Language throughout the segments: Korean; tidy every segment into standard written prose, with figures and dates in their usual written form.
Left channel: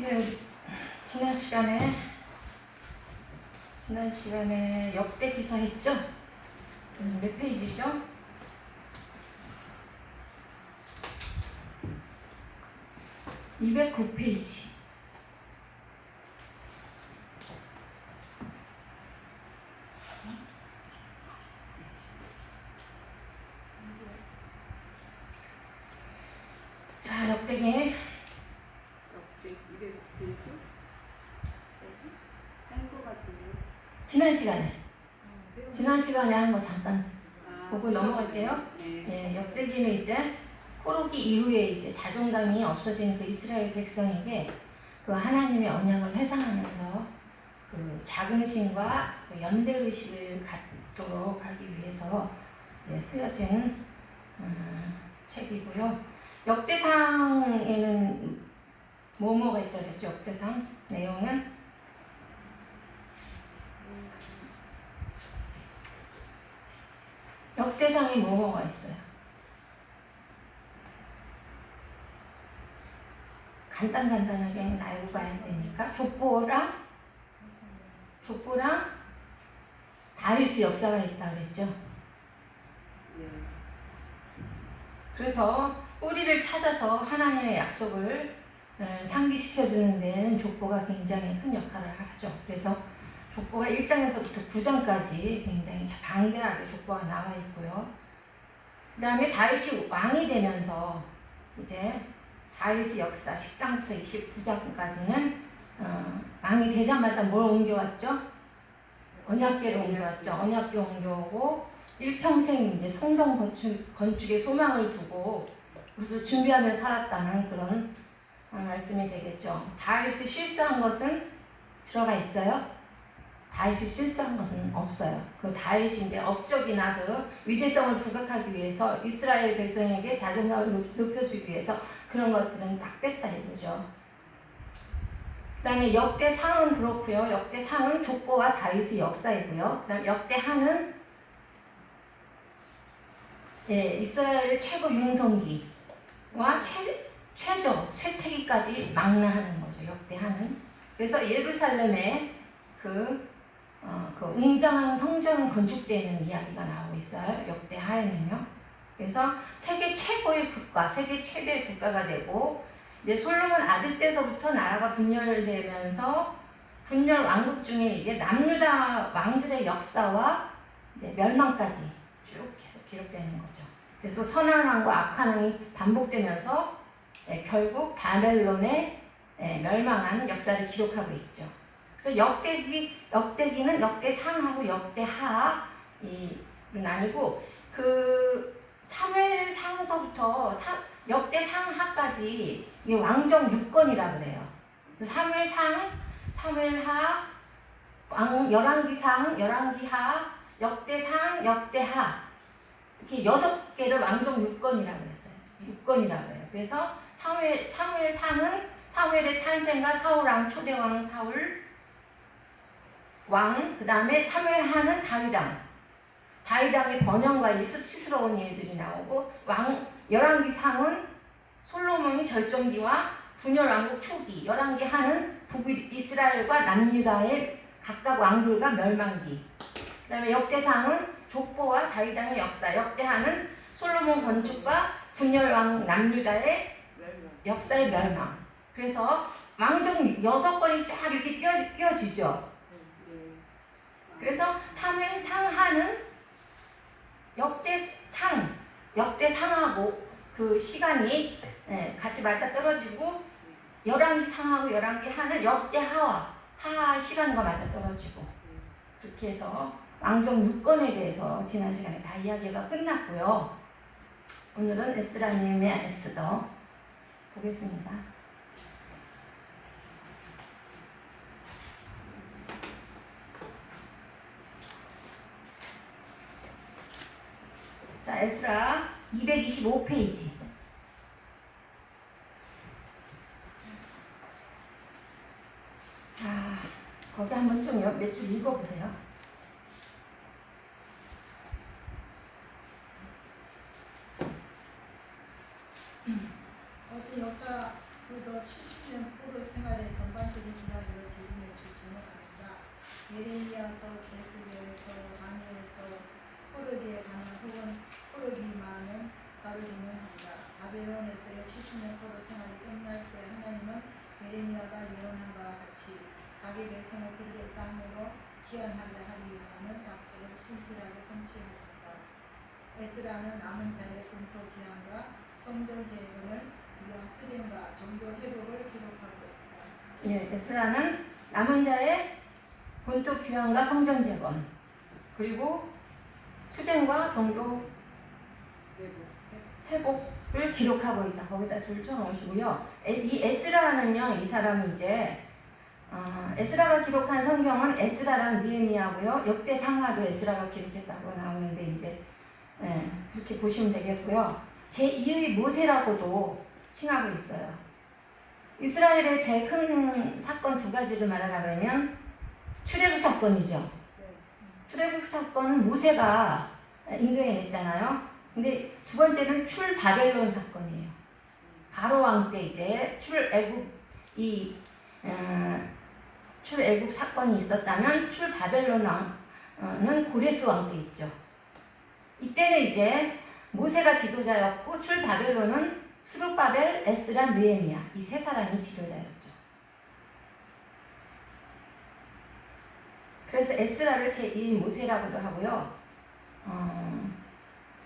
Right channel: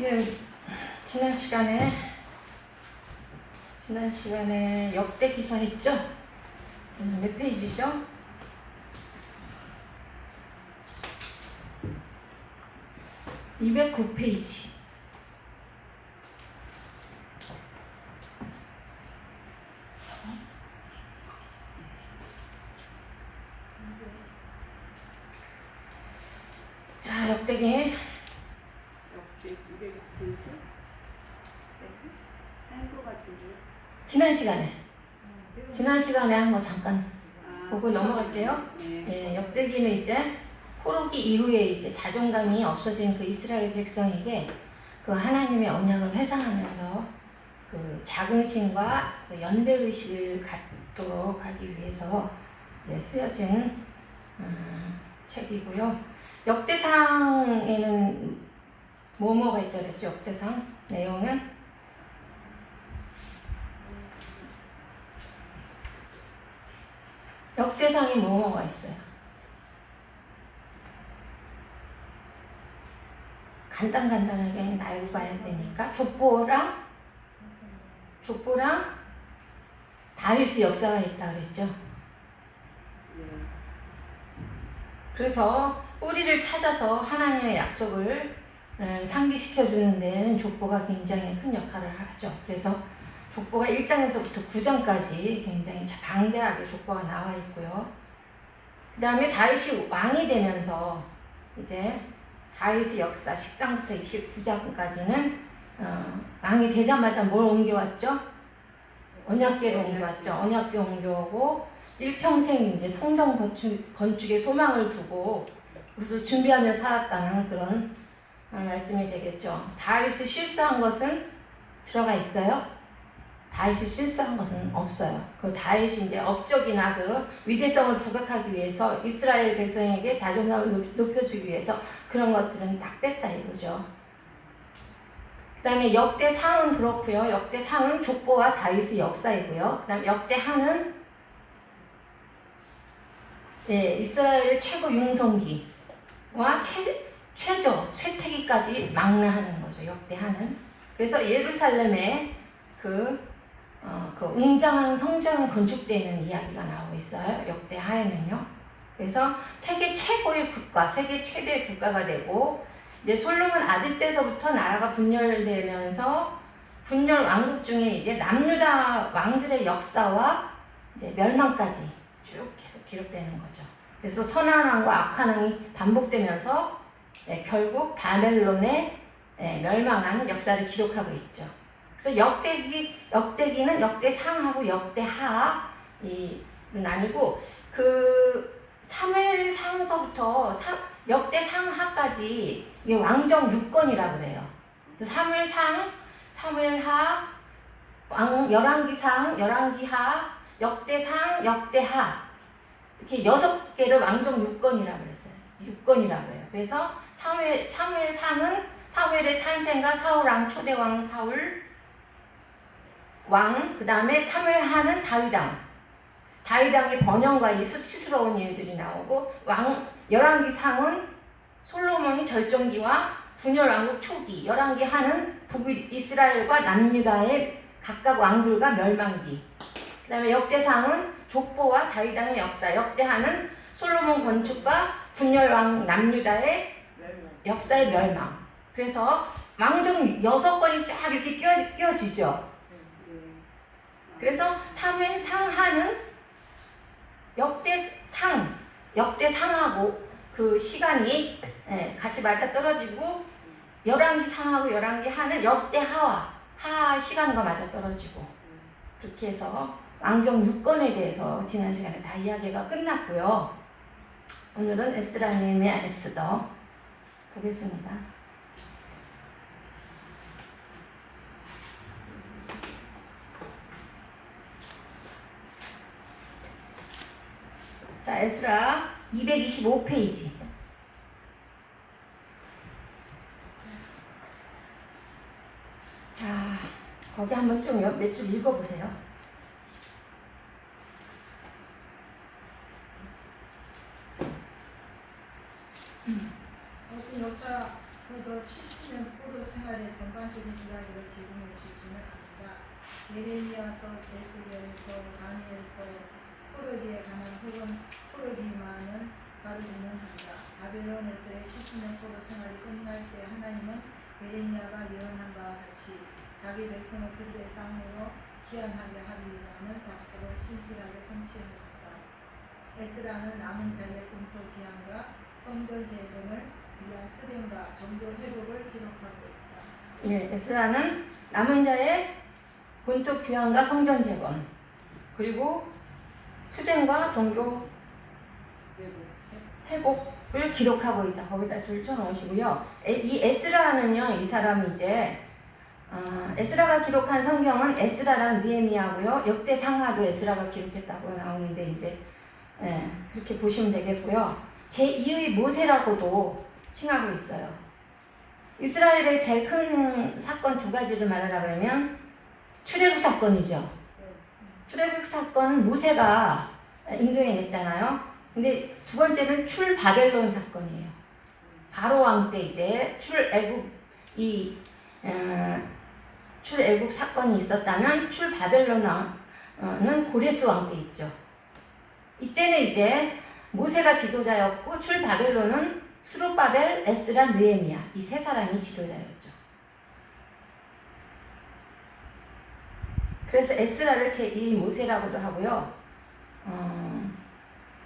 예, 지난 시간에 역대 기사 했죠? 몇 페이지죠? 209페이지. 자, 역대기. 역대 200페이지? 한거 같은데요? 지난 시간에 한 거 잠깐 보고 넘어갈게요. 네. 예, 역대기는 이제 포로기 이후에 이제 자존감이 없어진 그 이스라엘 백성에게 그 하나님의 언약을 회상하면서 그 자긍심과 그 연대의식을 갖도록 하기 위해서 쓰여진 책이고요. 역대상에는 뭐가 있다 그랬죠? 역대상 내용은 역대상에 뭐가 있어요? 간단하게 알고 가야 되니까 족보랑 다윗의 역사가 있다 그랬죠. 네. 그래서 뿌리를 찾아서 하나님의 약속을 상기시켜 주는 데는 족보가 굉장히 큰 역할을 하죠. 그래서 족보가 1장에서부터 9장까지 굉장히 방대하게 족보가 나와 있고요. 그 다음에 다윗이 왕이 되면서 이제 다윗의 역사 10장부터 29장까지는 왕이 되자마자 뭘 옮겨왔죠? 언약궤를 옮겨왔죠. 언약궤 옮겨오고 일평생 이제 성전 건축에 소망을 두고 그래서 준비하며 살았다는 그런 말씀이 되겠죠. 다윗이 실수한 것은 들어가 있어요? 다윗이 실수한 것은 없어요. 그 다윗이 이제 업적이나 그 위대성을 부각하기 위해서 이스라엘 백성에게 자존감을 높여주기 위해서 그런 것들은 딱 뺐다 이거죠. 그 다음에 역대상은 그렇고요. 역대상은 족보와 다윗의 역사이고요. 그 다음 역대하는 이스라엘의 최고 융성기와 쇠퇴기까지 망라하는 거죠. 역대하는. 그래서 예루살렘에 그 웅장한 성전 건축되는 이야기가 나오고 있어요. 역대하에는요. 그래서 세계 최고의 국가, 세계 최대의 국가가 되고 이제 솔로몬 아들 때서부터 나라가 분열되면서 분열 왕국 중에 이제 남유다 왕들의 역사와 이제 멸망까지 쭉 계속 기록되는 거죠. 그래서 선한 왕과 악한 왕이 반복되면서 결국 바벨론의 멸망하는 역사를 기록하고 있죠. 그래서 역대기는 역대상하고 역대하 나뉘고 그 사무엘상서부터 역대상하까지 이게 왕정 6권이라고 그래요. 사무엘상, 사무엘하, 열왕기상, 열왕기하, 역대상, 역대하 이렇게 6개를 왕정 6권이라고 그랬어요. 6권이라고 해요. 그래서 사무엘상은 사무엘의 탄생과 사울왕, 초대왕 사울 왕, 그 다음에 사무엘하는 다윗왕의 번영과 수치스러운 일들이 나오고 열왕기상은 솔로몬이 절정기와 분열 왕국 초기, 열왕기하는 북이스라엘과 남유다의 각각 왕들과 멸망기. 그 다음에 역대상은 족보와 다윗왕의 역사, 역대하는 솔로몬 건축과 분열 왕 남유다의 역사의 멸망. 그래서 왕정 6권이 쫙 이렇게 끼워지죠. 그래서 사무엘상하는 역대상하고 그 시간이 같이 맞아 떨어지고 열왕기상하고 열왕기하는 역대하와 하 시간과 맞아 떨어지고 그렇게 해서 왕정 6권에 대해서 지난 시간에 다 이야기가 끝났고요. 오늘은 에스라님의 에스더 보겠습니다. 자, 에스라 225페이지. 자, 거기 한번 좀 몇 줄 읽어보세요. 어떤 역사 저도 70년 포로 생활의 전반적인 이야기를 제공해 주시면 합니다. 예레미야서, 에스겔서, 다니엘서 포로기에 관한 혹은 포로기만을 가르치는 한다. 바벨론에서의 70년 포로 생활이 끝날 때 하나님은 예레미야가 예언한 바와 같이 자기 백성을 그들의 땅으로 귀환하게 하리라는 약속을 신실하게 성취하셨다. 에스라는 남은 자의 공토 귀환과 성전 재건을 위한 투쟁과 종교 회복을 기록하고 있다. 예, 에스라는 남은 자의 본토 귀환과 성전 재건 그리고 투쟁과 종교 회복을 기록하고 있다. 거기다 줄 쳐놓으시고요. 이 에스라는요, 이 사람이 이제 에스라가 기록한 성경은 에스라랑 느헤미야고요. 역대 상하도 에스라가 기록했다고 나오는데 이제 그렇게 보시면 되겠고요. 제2의 모세라고도 칭하고 있어요. 이스라엘의 제일 큰 사건 두 가지를 말하자면 출애굽 사건이죠. 출애굽 사건 모세가 인도해냈잖아요. 근데 두 번째는 출바벨론 사건이에요. 바로 왕 때 이제 출애굽 사건이 있었다는 출바벨론 왕은 고레스 왕 때 있죠. 이때는 이제 모세가 지도자였고 출바벨론은 수룹바벨, 에스라, 느헤미야 이 세 사람이 지도자였죠. 그래서 에스라를 제2 모세라고도 하고요.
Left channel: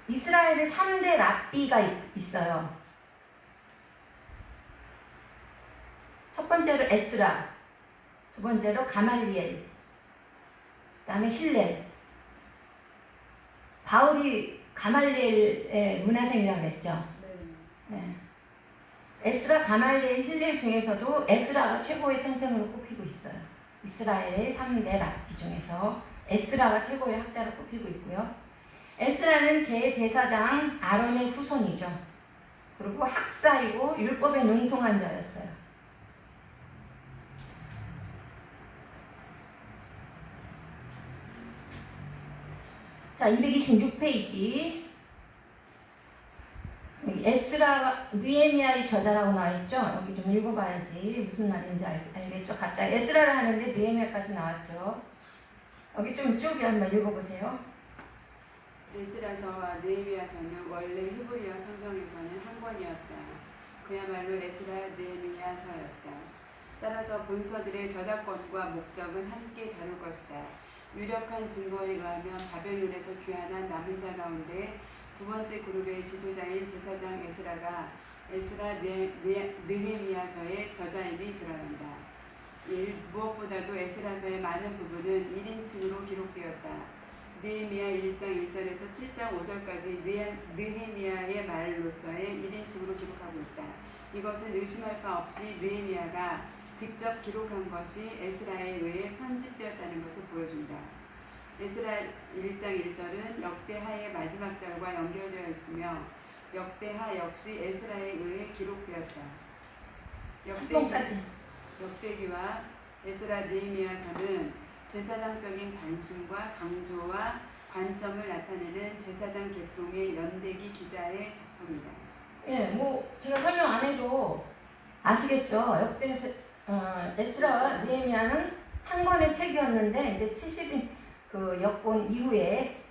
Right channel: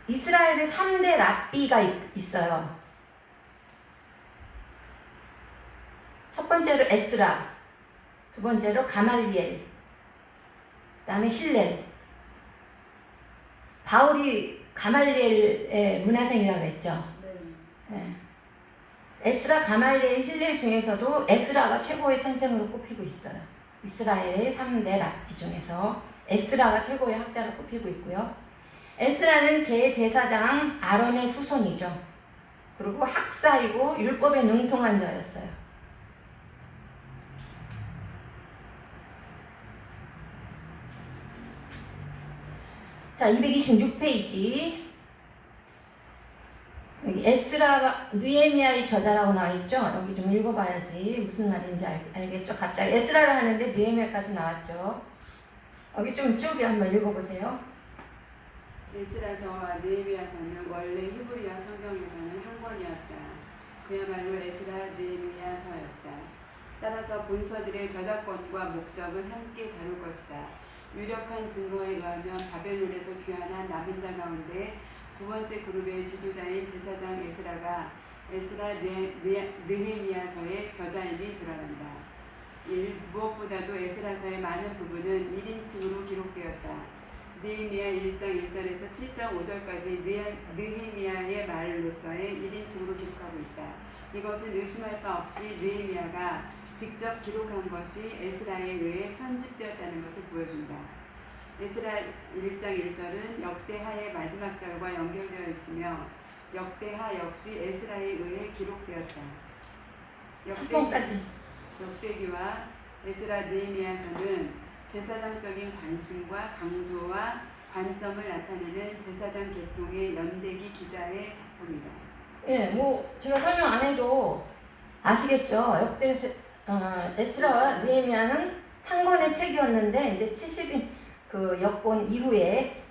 이스라엘의 3대 랍비가 있어요. 첫 번째로 에스라, 두 번째로 가말리엘, 그 다음에 힐렐. 바울이 가말리엘의 문화생이라고 했죠. 네. 에스라, 가말리엘, 힐렐 중에서도 에스라가 최고의 선생으로 꼽히고 있어요. 이스라엘의 3대 랍비 중에서 에스라가 최고의 학자로 꼽히고 있고요. 에스라는 대제사장 아론의 후손이죠. 그리고 학사이고 율법에 능통한 자였어요. 자, 226페이지. 여기 에스라, 느헤미야의 저자라고 나와있죠? 여기 좀 읽어봐야지 무슨 말인지 알겠죠? 갑자기 에스라를 하는데 느헤미야까지 나왔죠. 여기 좀 쭉 한번 읽어보세요. 에스라서와 느헤미야서는 원래 히브리어 성경에서는 한 권이었다. 그야말로 에스라 느헤미야서였다. 따라서 본서들의 저작권과 목적은 함께 다룰 것이다. 유력한 증거에 의하면 바벨론에서 귀환한 남은 자 가운데 두 번째 그룹의 지도자인 제사장 에스라가 에스라 느헤미야서의 저자임이 드러난다. 무엇보다도 에스라서의 많은 부분은 1인칭으로 기록되었다. 느헤미야 1장 1절에서 7장 5절까지 느헤미야의 말로서의 1인칭으로 기록하고 있다. 이것은 의심할 바 없이 느헤미야가 직접 기록한 것이 에스라에 의해 편집되었다는 것을 보여준다. 에스라 1장 1절은 역대하의 마지막 절과 연결되어 있으며 역대하 역시 에스라에 의해 기록되었다. 역대기와 에스라 느헤미야서는 제사장적인 관심과 강조와 관점을 나타내는 제사장 계통의 연대기 기자의 작품이다. 예, 뭐 제가 설명 안 해도 아시겠죠? 에스라와 느헤미야는 한 권의 책이었는데 이제 70인 그 역권 이후에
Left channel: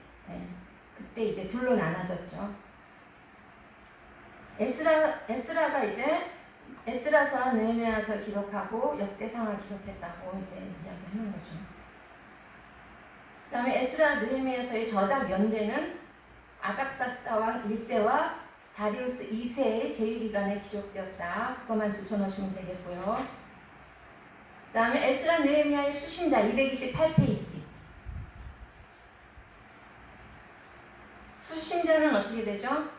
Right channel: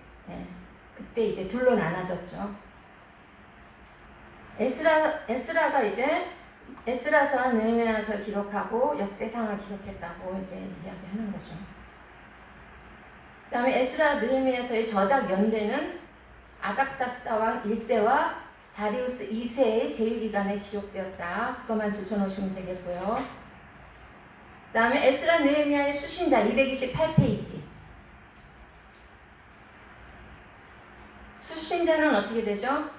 그때 이제 둘로 나눠졌죠. 에스라가 이제 에스라서와 느헤미야서를 기록하고 역대상을 기록했다고 이제 이야기하는 거죠. 그다음에 에스라 느헤미야서의 저작 연대는 아닥사스다 왕 1세와 다리우스 2세의 제위기간에 기록되었다. 그것만 붙여놓으시면 되겠고요. 그 다음에 에스라 느헤미야의 수신자 228페이지. 수신자는 어떻게 되죠?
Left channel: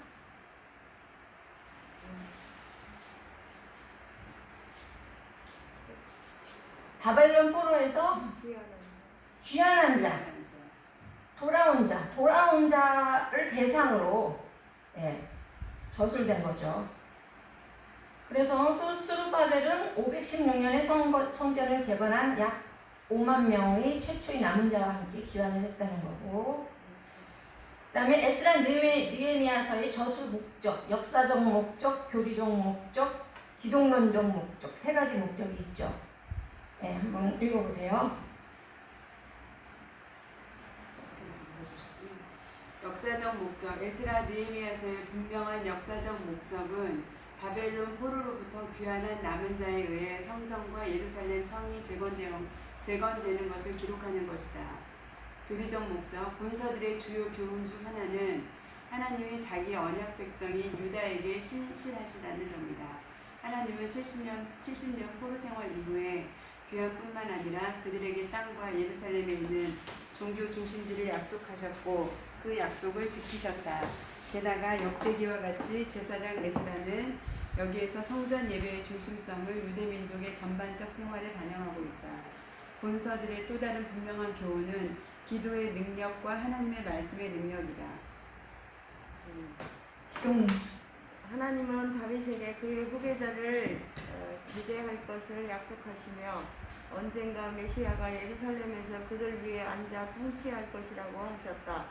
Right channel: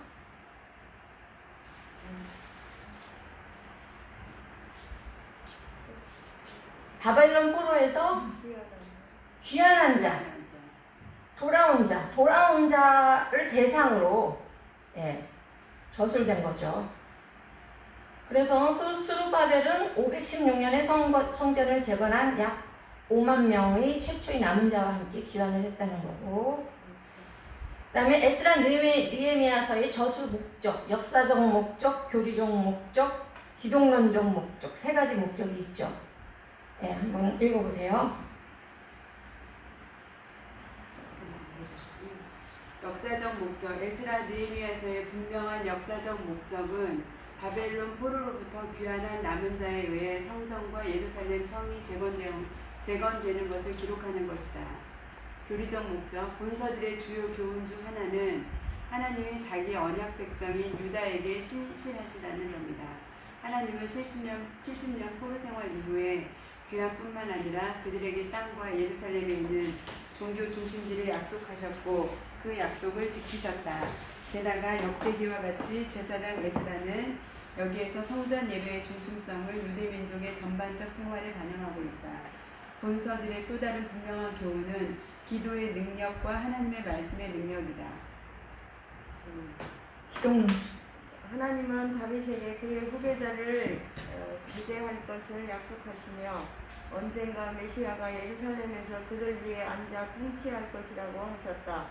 바벨론 포로에서 귀환한 자, 돌아온 자를 대상으로 저술된 거죠. 그래서 수르바벨은 516년에 성전을 재건한 약 5만 명의 최초의 남은 자와 함께 귀환을 했다는 거고, 그 다음에 에스라 느헤미야서의 저수 목적, 역사적 목적, 교리적 목적, 기독론적 목적, 세 가지 목적이 있죠. 예, 한번 읽어보세요. 역사적 목적, 에스라 느헤미야서의 분명한 역사적 목적은 바벨론 포로로부터 귀환한 남은 자에 의해 성전과 예루살렘 성이 재건되는 것을 기록하는 것이다. 교리적 목적, 본서들의 주요 교훈 중 하나는 하나님이 자기 언약 백성인 유다에게 신실하시다는 점이다. 하나님은 70년 포로 생활 이후에 귀환뿐만 아니라 그들에게 땅과 예루살렘에 있는 종교 중심지를 약속하셨고 그 약속을 지키셨다. 게다가 역대기와 같이 제사장 에스라는 여기에서 성전 예배의 중심성을 유대민족의 전반적 생활에 반영하고 있다. 본서들의 또 다른 분명한 교훈은 기도의 능력과 하나님의 말씀의 능력이다. 하나님은 다윗에게 그의 후계자를 기대할 것을 약속하시며 언젠가 메시아가 예루살렘에서 그들 위에 앉아 통치할 것이라고 하셨다.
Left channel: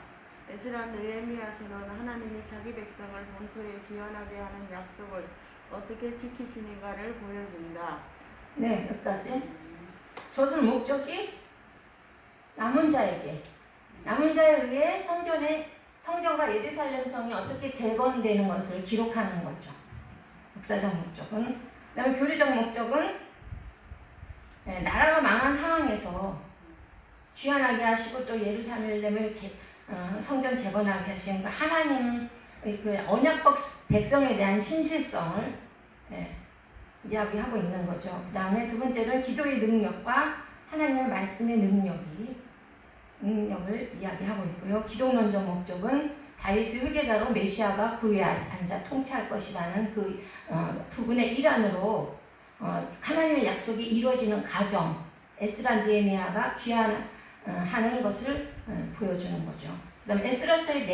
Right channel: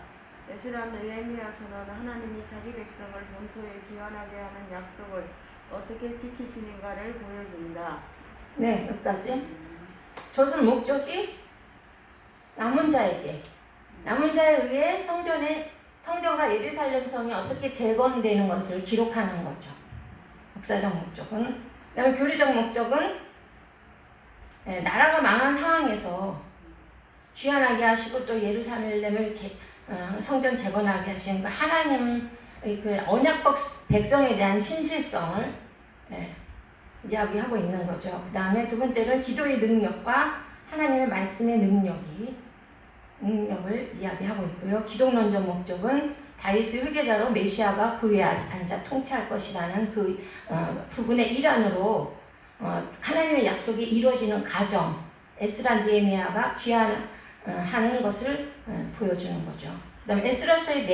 에스라 느헤미야서는 하나님이 자기 백성을 본토에 귀환하게 하는 약속을 어떻게 지키시는가를 보여준다. 네, 여기까지. 저순 목적이 남은 자에 의해 성전과 예루살렘 성이 어떻게 재건되는 것을 기록하는 거죠. 역사적 목적은. 그다음에 교리적 목적은 나라가 망한 상황에서 귀환하게 하시고 또 예루살렘을 성전 재건하게 하신 하나님 그 언약 백성에 대한 신실성을 이야기하고 있는 거죠. 그 다음에 두 번째는 기도의 능력과 하나님의 말씀의 능력을 이야기하고 있고요. 기독론적 목적은 다윗의 후계자로 메시아가 그 위에 앉아 통치할 것이라는 그 부분의 일환으로 하나님의 약속이 이루어지는 과정, 에스라 느헤미야가 귀환하는 것을 보여주는 거죠. 그 다음에 에스라서의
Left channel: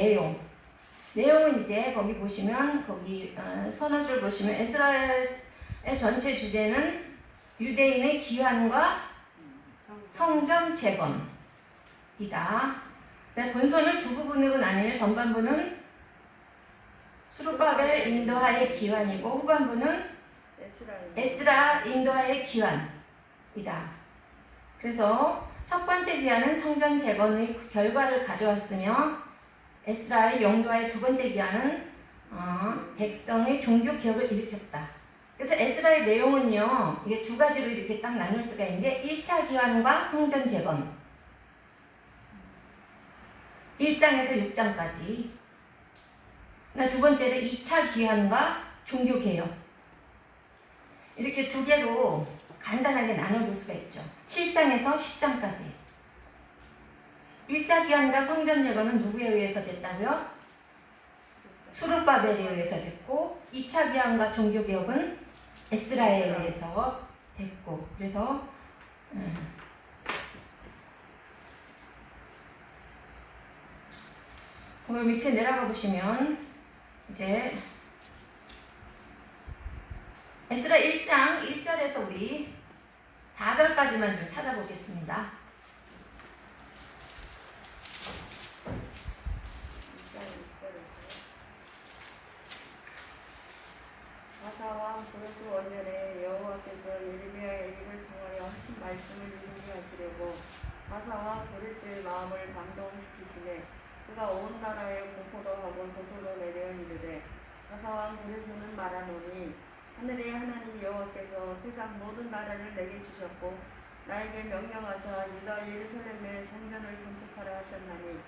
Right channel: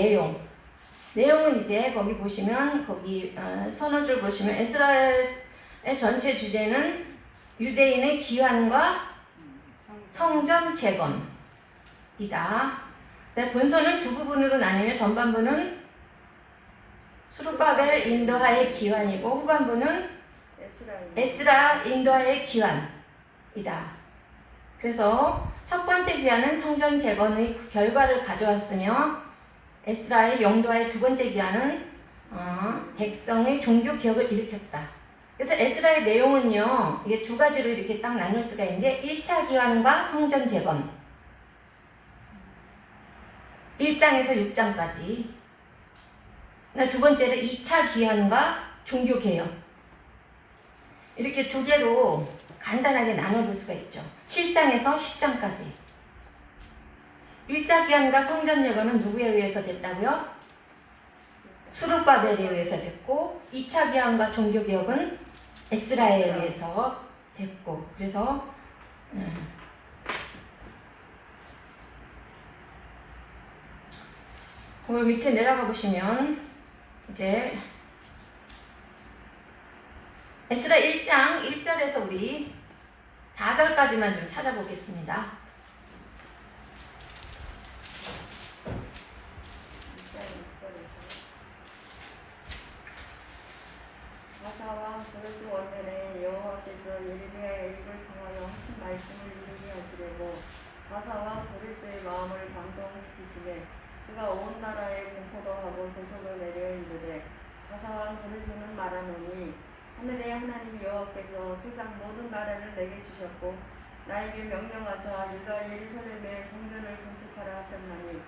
내용은 이제 거기 보시면 거기 서너줄 보시면 에스라의 전체 주제는 유대인의 귀환과 성전 재건이다. 본서는 두 부분으로 나뉘며 전반부는 스룹바벨 인도하의 귀환이고 후반부는 에스라 인도하의 귀환이다. 그래서 첫 번째 귀환은 성전 재건의 결과를 가져왔으며 에스라의 영도하의 두 번째 귀환은 백성의 종교 개혁을 일으켰다. 그래서 에스라의 내용은요, 이게 두 가지로 이렇게 딱 나눌 수가 있는데 1차 귀환과 성전 재건 1장에서 6장까지, 두 번째는 2차 귀환과 종교 개혁, 이렇게 두 개로 간단하게 나눠볼 수가 있죠. 7장에서 10장까지. 1차 귀환과 성전 재건은 누구에 의해서 됐다고요? 스룹바벨에 의해서 됐고, 2차 귀환과 종교 개혁은 에스라에 의해서 됐고, 그래서 그 밑에 내려가 보시면 이제 에스라 1장 1절에서 우리 4절까지만 좀 찾아보겠습니다. 바사와 고레스 원년에 여호와께서 예레미야의 입을 통하여 하신 말씀을 이루게 하시려고 바사와 고레스의 마음을 감동시키시되 그가 온 나라에 공포도 하고 소설도 내려 이르되 바사와 고레스는 말하노니 하늘의 하나님 여호와께서 세상 모든 나라를 내게 주셨고 나에게 명령하사 유다 예루살렘의 성전을 건축하라 하셨나니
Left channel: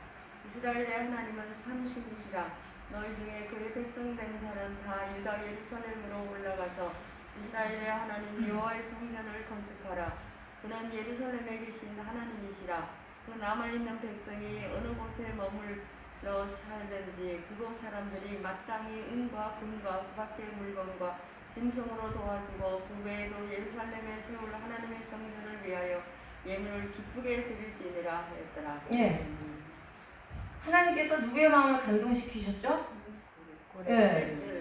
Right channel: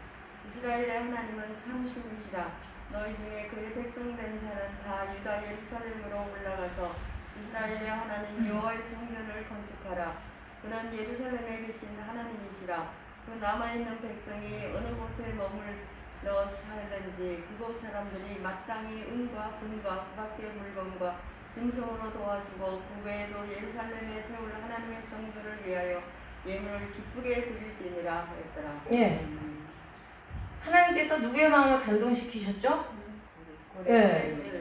이스라엘의 하나님은 참 신이시라. 너희 중에 그의 백성 된 자는 다 유다 예루살렘으로 올라가서 이스라엘의 하나님 여호와의 성전을 건축하라. 그는 예루살렘에 계신 하나님이시라. 그 남아있는 백성이 어느 곳에 머물러 살든지 그곳 사람들이 마땅히 은과 금과 그 밖의 물건과 짐승으로 도와주고 그 외에도 예루살렘에 세울 하나님의 성전을 위하여 예물을 기쁘게 드릴지니라 하였더라. 예. 하나님께서 누구의 마음을 감동시키셨죠?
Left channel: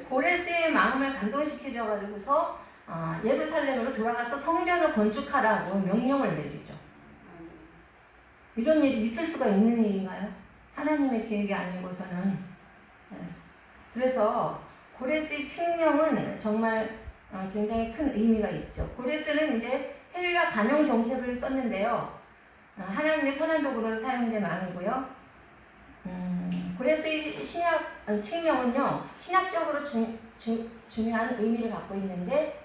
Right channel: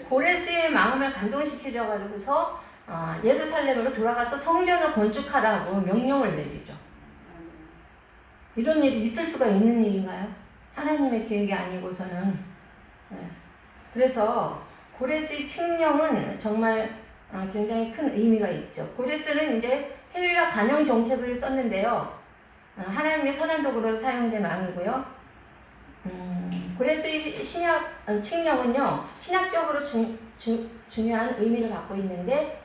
고레스의 마음을 감동시키셔가지고서 예루살렘으로 돌아가서 성전을 건축하라고 명령을 내리죠. 이런 일이 있을 수가 있는 일인가요? 하나님의 계획이 아니고서는. 그래서 고레스의 칙령은 정말 굉장히 큰 의미가 있죠. 고레스는 이제 해외와 간용 정책을 썼는데요. 하나님의 선한 도구로 사용된 왕이고요. 고레스의 신약 칙령은요, 신학적으로 중요한 의미를 갖고 있는데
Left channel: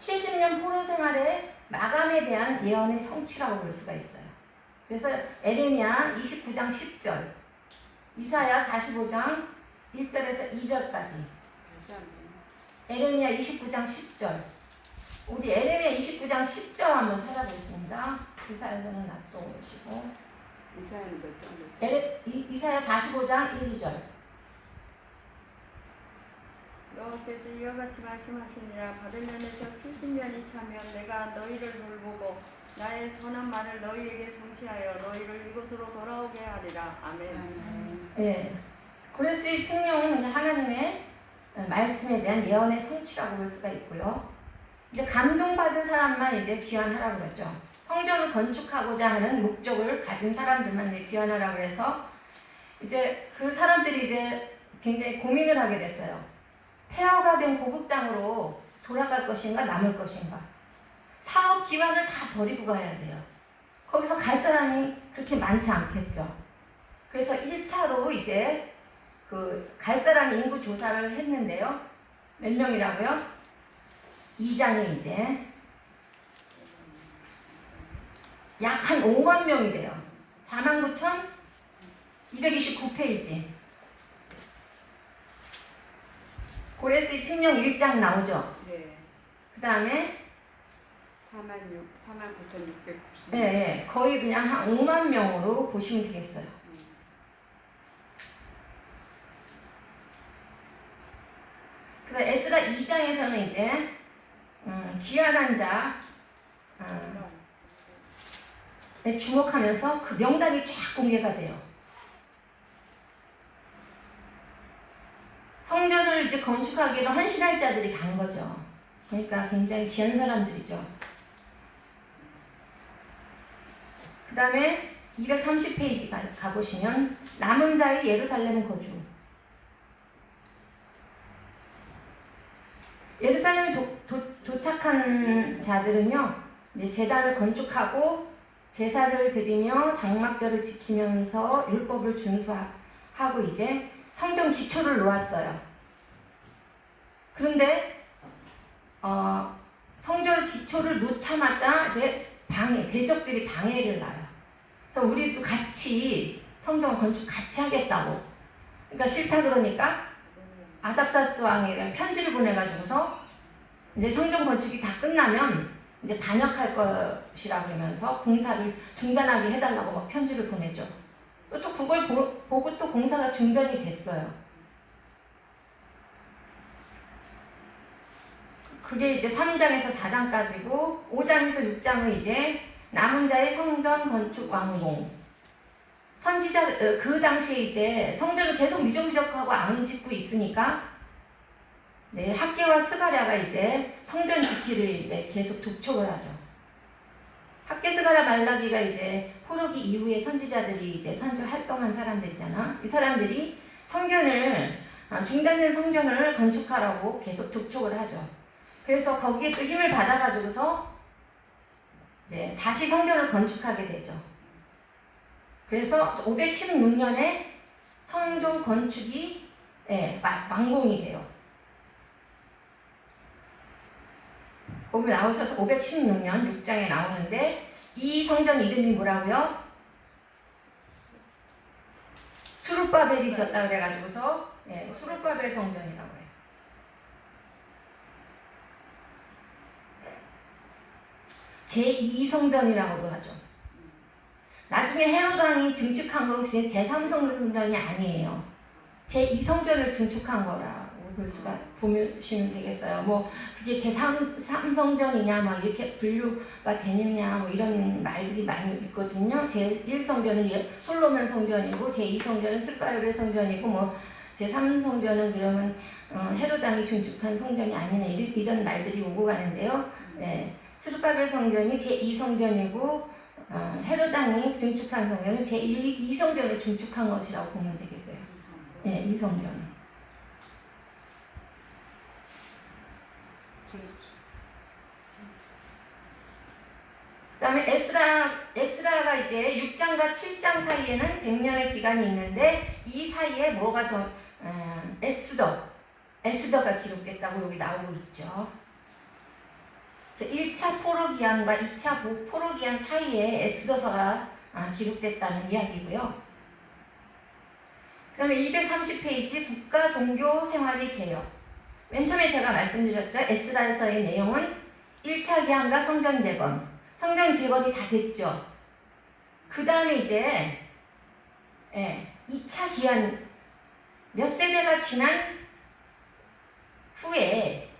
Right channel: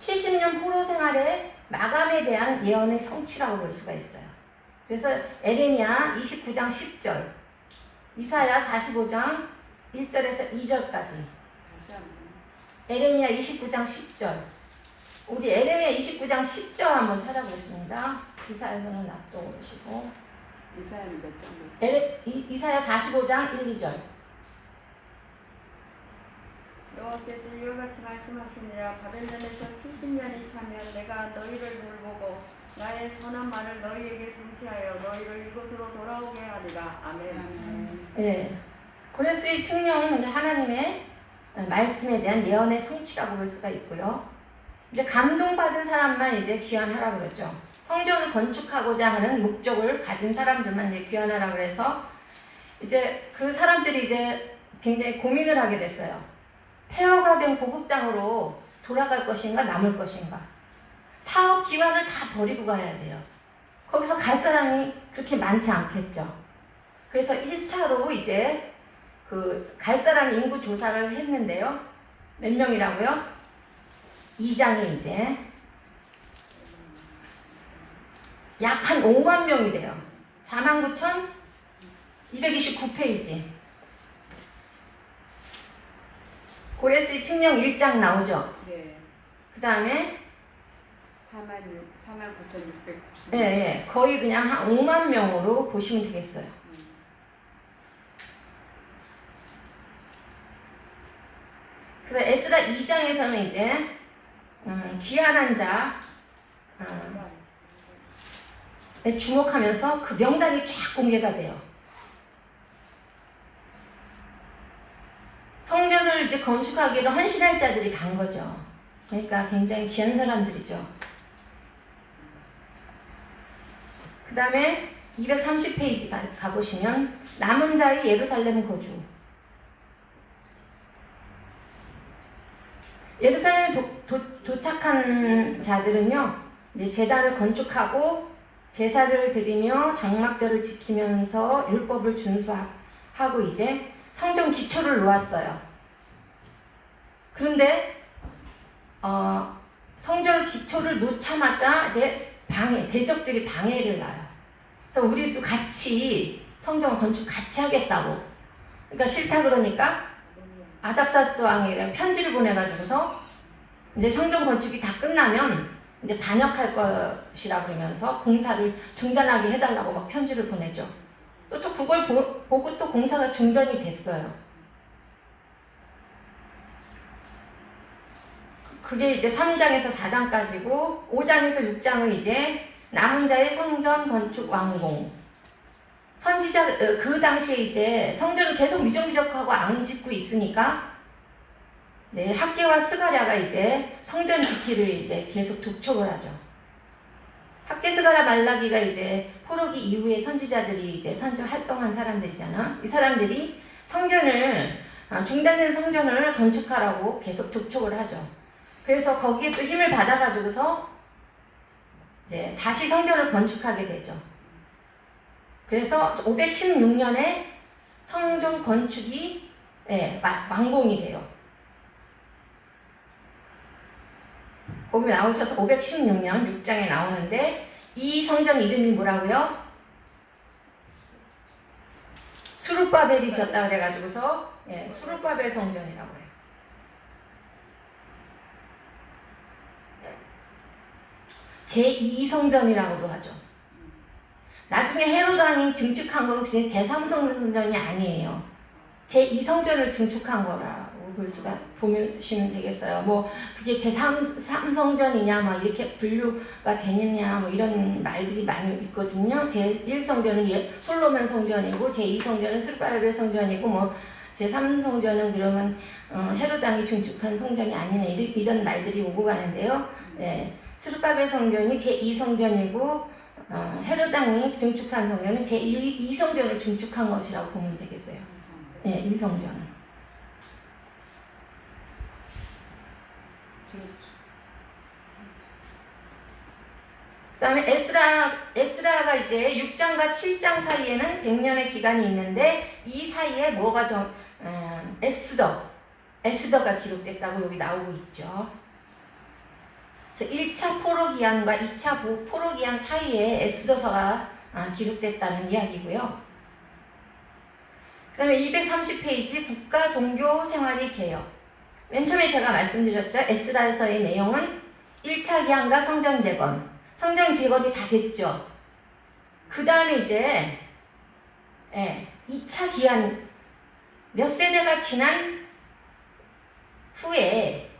70년 포로 생활의 마감에 대한 예언의 성취라고 볼 수가 있어요. 그래서 에레미야 29장 10절, 이사야 45장 1절에서 2절까지, 다시 한번. 에레미야 29장 10절. 우리 에레미야 29장 10절 한번 찾아보겠습니다. 이사야서는 놔두시고. 이사야는 몇 장? 이사야 45장 1, 2절. 여호와께서 이와 같이 말씀하시니라. 바벨론에서 70년이 차면 내가 너희를 돌보고 나의 선한 말을 너희에게 성취하여 너희를 이곳으로 돌아오게 하리라. 아멘. 네. 고레스의 칙령은 하나님의 말씀에 대한 예언의 성취라고 볼 수가 있고요. 이제 감동받은 사람만 이제 귀환하라고 그러죠. 성전을 건축하고자 하는 목적을 가진 사람들만 이제 귀환하라고 그래서 이제 그 사람들이 이제 굉장히 고민을 하게 됐어요. 폐허가 된 고국 땅으로 돌아갈 것인가 남을 것인가. 사업 기관을 다 버리고 가야 돼요. 거기서 갈 사람이 그렇게 많지 않겠죠. 그래서 1차로 이제 그 갈 사람 인구 조사를 했는데요. 몇 명이라고요? 2장에 이제 약 한 5만 명이 돼요. 49,229페이지. 고레스의 칙령 1장 나오죠. 네. 그 다음에 49,690. 네, 거의 그냥 한 5만 명으로 보시면 되겠어요. 그래서 에스라 2장에서는 이제 귀환한 자에 주목하면서 그 명단이 쫙 공개가 돼요. 성전을 이제 건축하기로 헌신할 자들이 간 거죠. 그러니까 굉장히 귀한 사람들이죠. 그 다음에 230페이지 가보시면 남은 자의 예루살렘 거주. 예루살렘에 도착한 자들은요, 이제 제단을 건축하고 제사를 드리며 장막절을 지키면서 율법을 준수하고 이제 성전 기초를 놓았어요. 그런데 성전 기초를 놓자마자 이제 대적들이 방해를 놔요. 그래서 우리도 같이 성전 건축 같이 하겠다고. 그러니까 싫다 그러니까 아닥사스 왕에게 편지를 보내가지고서 이제 성전 건축이 다 끝나면 이제 반역할 것이라 그러면서 공사를 중단하게 해달라고 막 편지를 보내죠. 또 그걸 보고 또 공사가 중단이 됐어요. 그게 이제 3장에서 4장까지고 5장에서 6장은 이제 남은 자의 성전 건축 완공. 선지자 그 당시에 이제 성전을 계속 미적미적하고 안 짓고 있으니까 이제 학개와 스가랴가 이제 성전 지키를 이제 계속 독촉을 하죠. 학개, 스가랴, 말라기가 이제 포로기 이후에 선지자들이 이제 선지 활동한 사람들이잖아. 이 사람들이 중단된 성전을 건축하라고 계속 독촉을 하죠. 그래서 거기에 또 힘을 받아가지고서 이제 다시 성전을 건축하게 되죠. 그래서 516년에 성전 건축이 완공이 돼요. 거기 나오셔서 516년 6장에 나오는데 이 성전 이름이 뭐라고요? 수룹바벨이 졌다 그래가지고서 수룹바벨 성전이라고 해요. 제2성전이라고도 하죠. 나중에 헤롯 왕이 증축한 건 제3성전이 아니에요. 제2성전을 증축한 거라고 보시면 되겠어요. 뭐 그게 제3성전이냐 뭐 이렇게 분류가 되느냐 뭐 이런 말들이 많이 있거든요. 제1성전은 솔로몬 성전이고 제2성전은 스룹바벨 성전이고 뭐 제3성전은 그러면 헤롯 왕이 증축한 성전이 아니네 이런 말들이 오고 가는데요. 스룹바벨 성전이 제2성전이고 헤롯 왕이 증축한 성전은 제2성전을 증축한 것이라고 보면 되겠어요. 네, 2성전. 그다음에 에스라가 이제 6장과 7장 사이에는 100년의 기간이 있는데 이 사이에 뭐가 에스더가 기록됐다고 여기 나오고 있죠. 1차 포로기한과 2차 포로기한 사이에 에스더서가 기록됐다는 이야기고요. 그 다음에 230페이지 국가 종교 생활의 개혁. 맨 처음에 제가 말씀드렸죠. 에스라서의 내용은 1차 기한과 성전 재건. 성전 재건이 다 됐죠. 그 다음에 이제 2차 기한 몇 세대가 지난 후에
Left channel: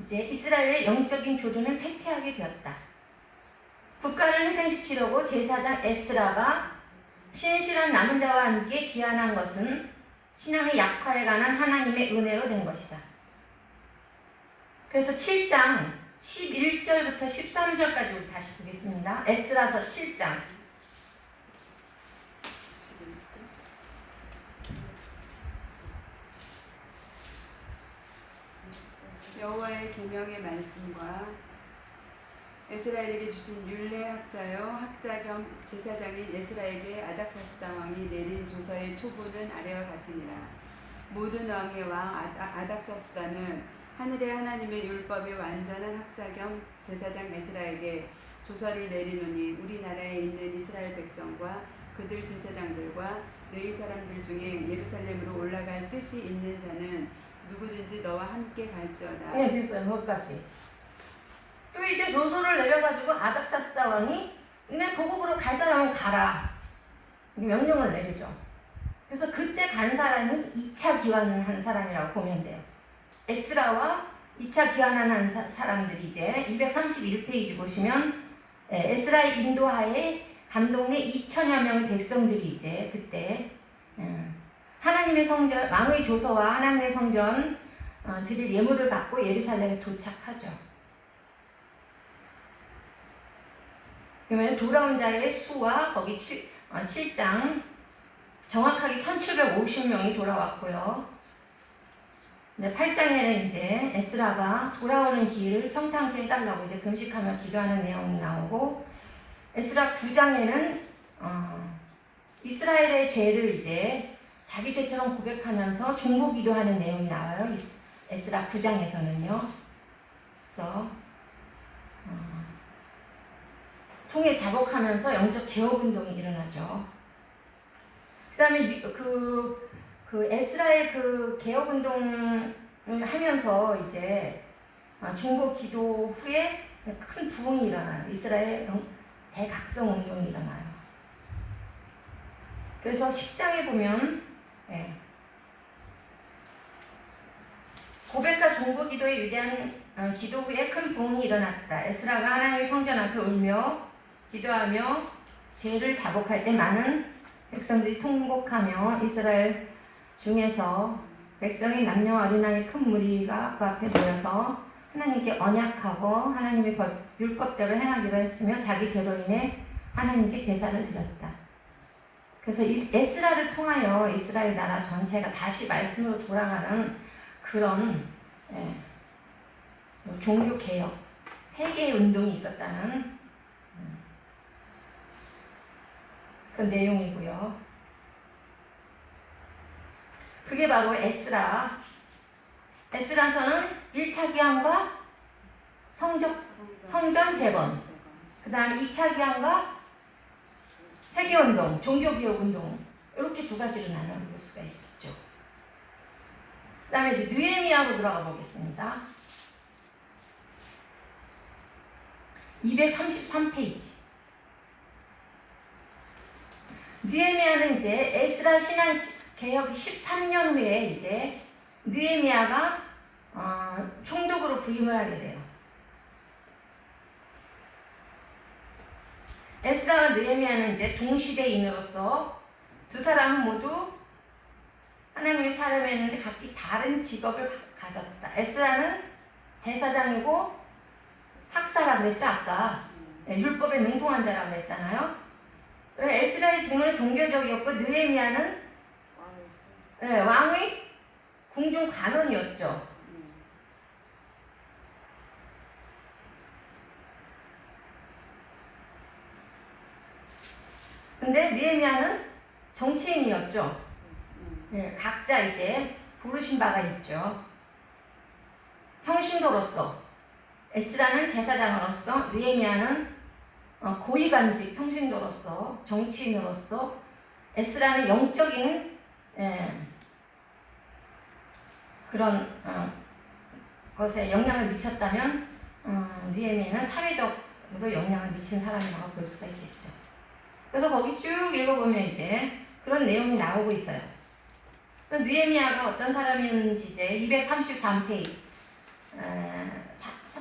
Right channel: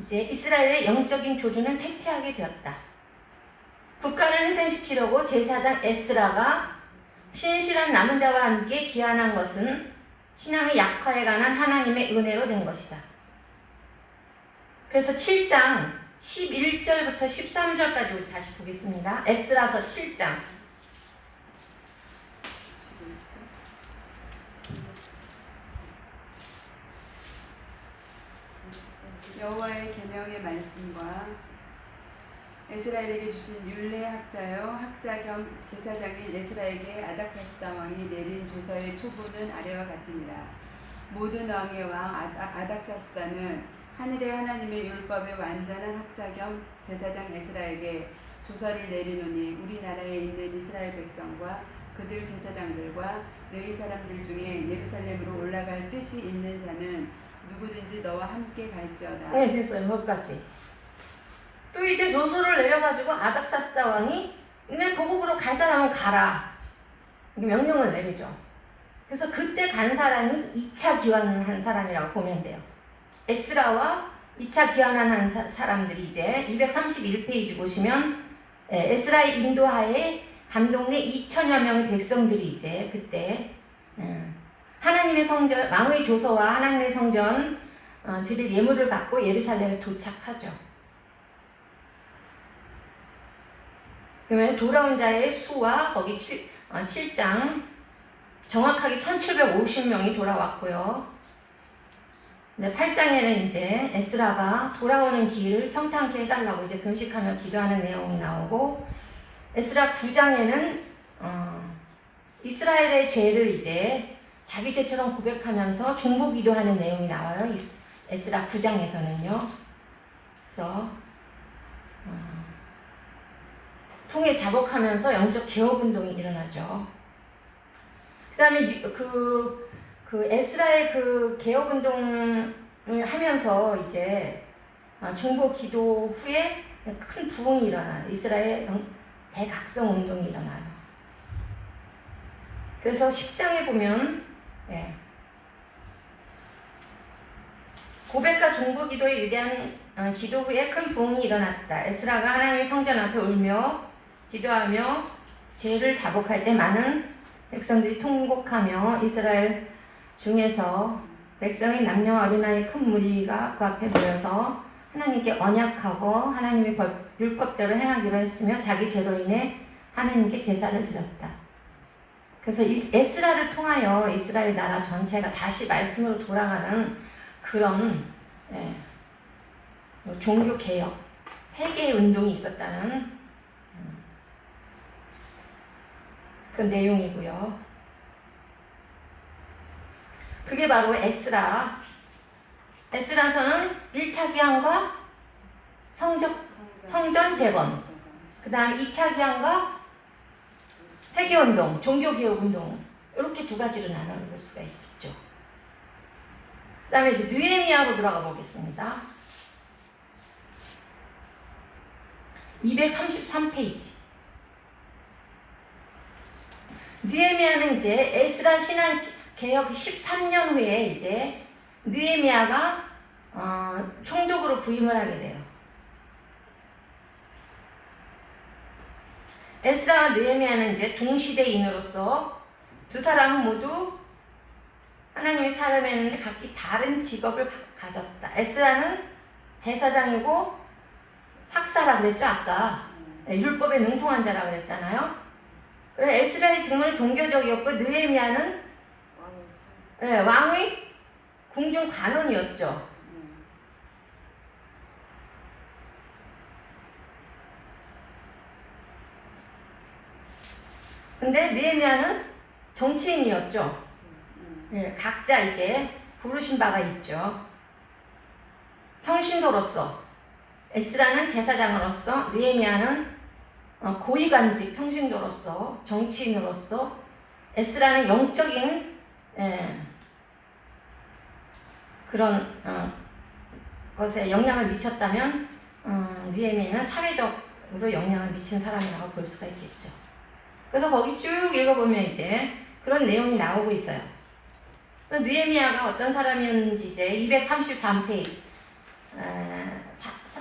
이제 이스라엘의 영적인 조주는 쇠퇴하게 되었다. 국가를 회생시키려고 제사장 에스라가 신실한 남은 자와 함께 귀환한 것은 신앙의 약화에 관한 하나님의 은혜로 된 것이다. 그래서 7장 11절부터 13절까지 우리 다시 보겠습니다. 에스라서 7장. 여호와의 계명의 말씀과 에스라엘에게 주신 율례학자여 학자 겸 제사장인 에스라에게 아닥사스다 왕이 내린 조서의 초본은 아래와 같으니라. 모든 왕의 왕 아닥사스다는 하늘의 하나님의 율법의 완전한 학자 겸 제사장 에스라에게 조서를 내리노니 우리나라에 있는 이스라엘 백성과 그들 제사장들과 레위 사람들 중에 예루살렘으로 올라갈 뜻이 있는 자는 누구든지 너와 함께 갈지어다. 네, 됐어요. 거기까지. 또 이제 조서를 내려가지고 아닥사스다 왕이 너네 고국으로 갈 사람은 가라. 명령을 내리죠. 그래서 그때 간 사람이 2차 귀환한 사람이라고 보면 돼요. 에스라와 2차 귀환한 사람들이 이제 231페이지 보시면 에스라의 인도하에 감동내 2천여 명의 백성들이 이제 그때 하나님의 성전, 왕의 조서와 하나님의 성전 드릴 예물을 갖고 예루살렘에 도착하죠. 그러면 돌아온 자의 수와 거기 7장 정확하게 1750명이 돌아왔고요. 8장에는 이제 에스라가 돌아오는 길을 평탄케 해달라고 이제 금식하며 기도하는 내용이 나오고, 에스라 9장에는 이스라엘의 죄를 이제 자기 죄처럼 고백하면서 중보 기도하는 내용이 나와요. 에스라 9장에서는요. 그래서 통에 자복하면서 영적 개혁 운동이 일어나죠. 그다음에 그 에스라의 그 개혁 운동을 하면서 이제 중보 기도 후에 큰 부흥이 일어나요. 이스라엘 대각성 운동이 일어나요. 그래서 10장에 보면 고백과 중보 기도의 위대한 기도 후에 큰 부흥이 일어났다. 에스라가 하나님의 성전 앞에 울며 기도하며 죄를 자복할 때 많은 백성들이 통곡하며 이스라엘 중에서 백성의 남녀와 어린아이 큰 무리가 그 앞에 모여서 하나님께 언약하고 하나님의 율법대로 행하기로 했으며 자기 죄로 인해 하나님께 제사를 드렸다. 그래서 에스라를 통하여 이스라엘 나라 전체가 다시 말씀으로 돌아가는 그런 종교 개혁, 회개 운동이 있었다는 그 내용이고요. 그게 바로 에스라서는 1차 기한과 성전 재건, 그 다음 2차 기한과 회개운동, 종교개혁운동, 이렇게 두 가지로 나눠볼 수가 있죠. 그 다음에 이제 느헤미야로 들어가 보겠습니다. 233페이지. 느헤미야는 이제 에스라 신앙 개혁 13년 후에 이제 느헤미야가 총독으로 부임을 하게 돼요. 에스라와 느헤미야는 이제 동시대인으로서 두 사람은 모두 하나님의 사람이었는데 각기 다른 직업을 가졌다. 에스라는 제사장이고 학사라고 그랬죠, 아까. 율법에 능통한 자라고 그랬잖아요. 그래서 에스라의 직무는 종교적이었고 느헤미야는 왕의 궁중 관원이었죠. 근데 느헤미야는 정치인이었죠. 네. 예, 각자 이제 부르신 바가 있죠. 평신도로서, 에스라는 제사장으로서, 느헤미야는 고위관직 평신도로서, 정치인으로서, 에스라는 영적인 그런 것에 영향을 미쳤다면 느헤미야는 사회적으로 영향을 미친 사람이라고 볼 수가 있겠죠. 그래서 거기 쭉 읽어보면 이제 그런 내용이 나오고 있어요. 느헤미야가 어떤 사람이었는지 이제 233페이지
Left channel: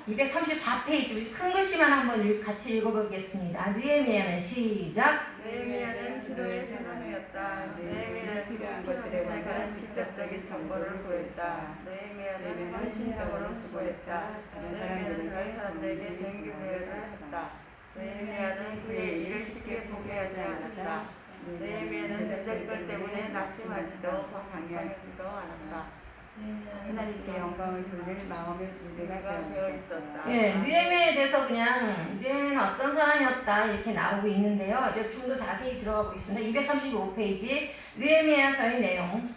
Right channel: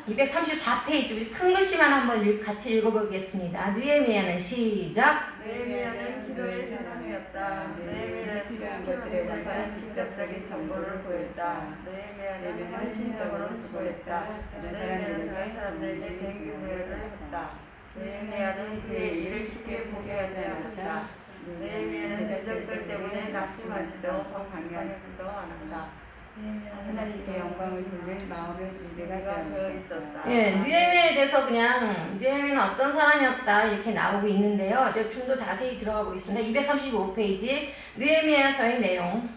234페이지 큰 글씨만 한번 같이 읽어보겠습니다. 느헤미야는 시작. 느헤미야는 기도의 세상이었다. 느헤미야는 필요한 것들에 대한 직접적인 정보를 구했다. 느헤미야는 헌신적으로 수고했다. 느헤미야는 다른 사람들에게 동기부여를 했다. 느헤미야는 그의 일을 쉽게 포기하지 않았다. 느헤미야는 적들 때문에 낙심하지도 방황하지도 않았다. 하나님께 영광을 돌릴 마음의 준비가 되어 있었다. 예, 느헤미야에 대해서 그냥 느헤미야는 어떤 사람이었다 이렇게 나오고 있는데요. 이제 좀 더 자세히 들어가고 있습니다. 235페이지 느헤미야서의 내용.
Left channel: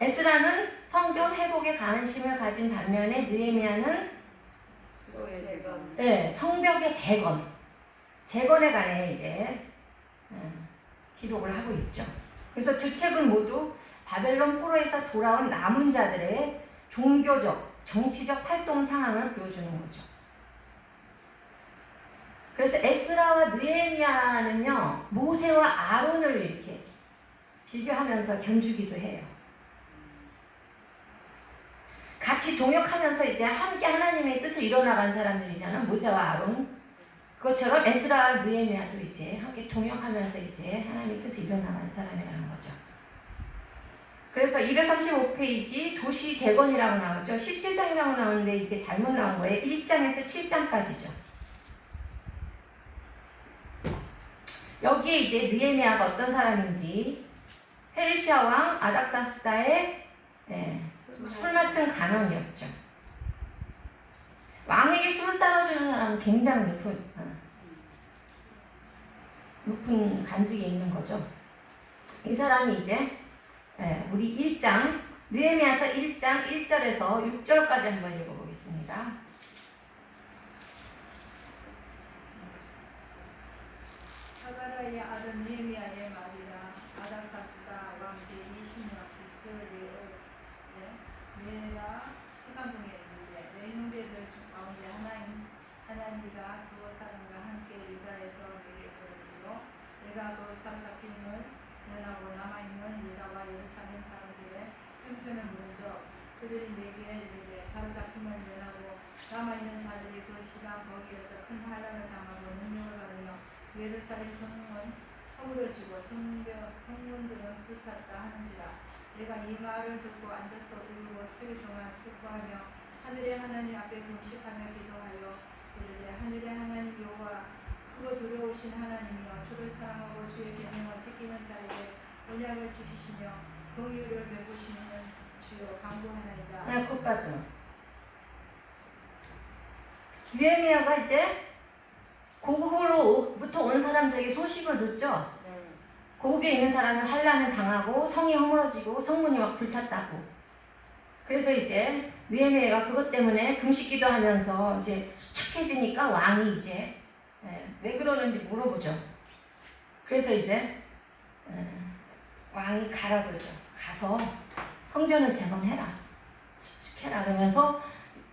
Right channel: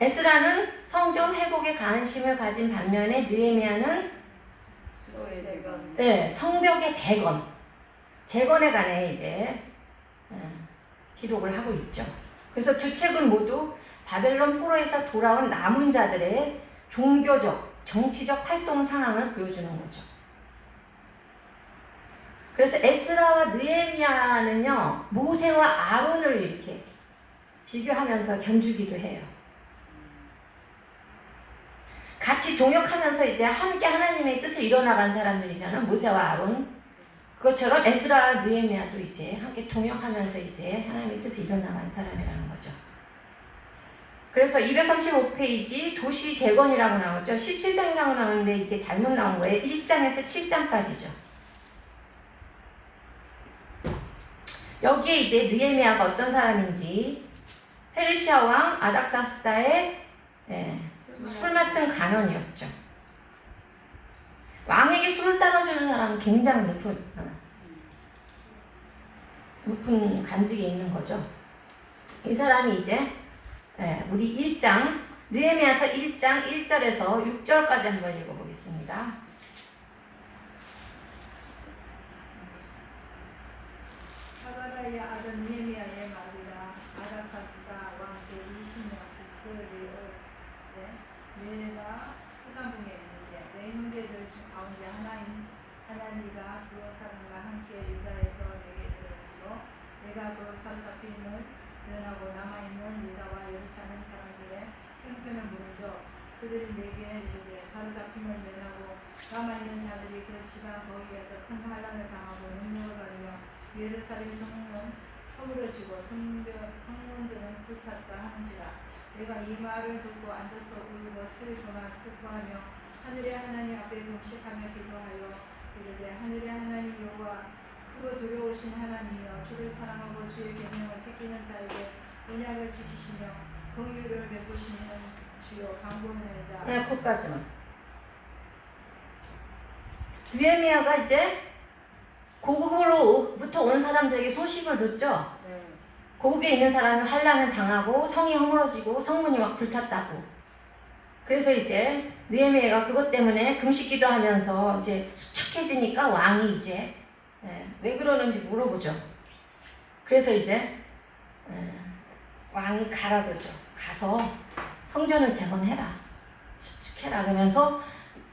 에스라는 성전 회복에 관심을 가진 반면에 느헤미야는 수도의 재건. 네, 성벽의 재건에 관해 이제 기록을 하고 있죠. 그래서 두 책은 모두 바벨론 포로에서 돌아온 남은 자들의 종교적, 정치적 활동 상황을 보여주는 거죠. 그래서 에스라와 느헤미야는요, 모세와 아론을 이렇게 비교하면서 견주기도 해요. 같이 동역하면서 이제 함께 하나님의 뜻을 이뤄나간 사람들이잖아요. 모세와 아론. 그것처럼 에스라와 느헤미야도 이제 함께 동역하면서 이제 하나님의 뜻을 이뤄나간 사람이라는 거죠. 그래서 235페이지 도시 재건이라고 나오죠. 17장이라고 나오는데 이게 잘못 나온 거예요. 1장에서 7장까지죠. 여기에 이제 느헤미야가 어떤 사람인지 페르시아 왕 아닥사스다의 술 맡은 간원이었죠. 왕에게 술을 따라주는 사람은 굉장히 높은 관직에 있는 거죠. 이 사람이 이제 우리 1장 느헤미야서 1장 1절에서 6절까지 한번 읽어보겠습니다. 하가라의 아들 느헤미야의 말이라. 아닥사스다 왕 제20년 비스리의 메라 수산궁에 있는데 내 형제들 가운데 하나니가 두 사람과 함께 유다에서 내게 이르기로 내가 그 사로잡힘을 면하고 남아있는 유다와 예루살렘 사람들의 형편을 물은즉 그들이 내게 이르되 사로잡힘을 면하고 남아있는 자들이 그 지방 거기에서 큰 환난을 당하고 능력을 받으며 예루살렘 성문은 허물어지고 성문들은 불탔다 하는지라. 내가 이 말을 듣고 앉아서 울고 수리도만 슬퍼하며 하늘의 하나님 앞에 금식하며 기도하여 이르되 하늘의 하나님 여호와 크고 두려우신 하나님이여 주를 사랑하고 주의 계명을 지키는 자에게 언약을 지키시며 긍휼을 베푸시는 주여 간구하나이다. 거기까지만. 느헤미야가 이제 고국으로부터 온 사람들에게 소식을 듣죠. 고국에 있는 사람은 환난을 당하고 성이 허물어지고 성문이 막 불탔다고. 그래서 이제 느헤미야가 그것 때문에 금식기도 하면서 이제 수척해지니까 왕이 이제 왜 그러는지 물어보죠. 그래서 이제 왕이 가라 그러죠. 가서 성전을 재건해라. 수축해라. 그러면서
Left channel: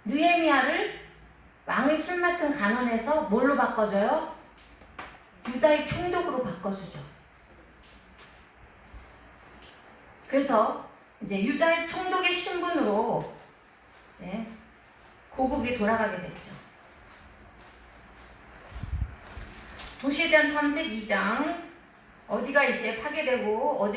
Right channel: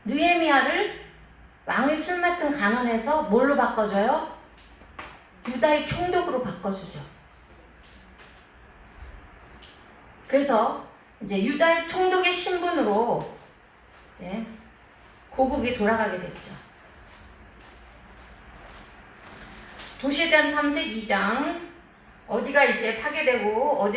느헤미야를 왕의 술 맡은 간원에서 뭘로 바꿔줘요? 유다의 총독으로 바꿔주죠. 그래서 이제 유다의 총독의 신분으로 이제 고국에 돌아가게 됐죠. 도시전 탐색 2장 어디가 이제 파괴되고 어디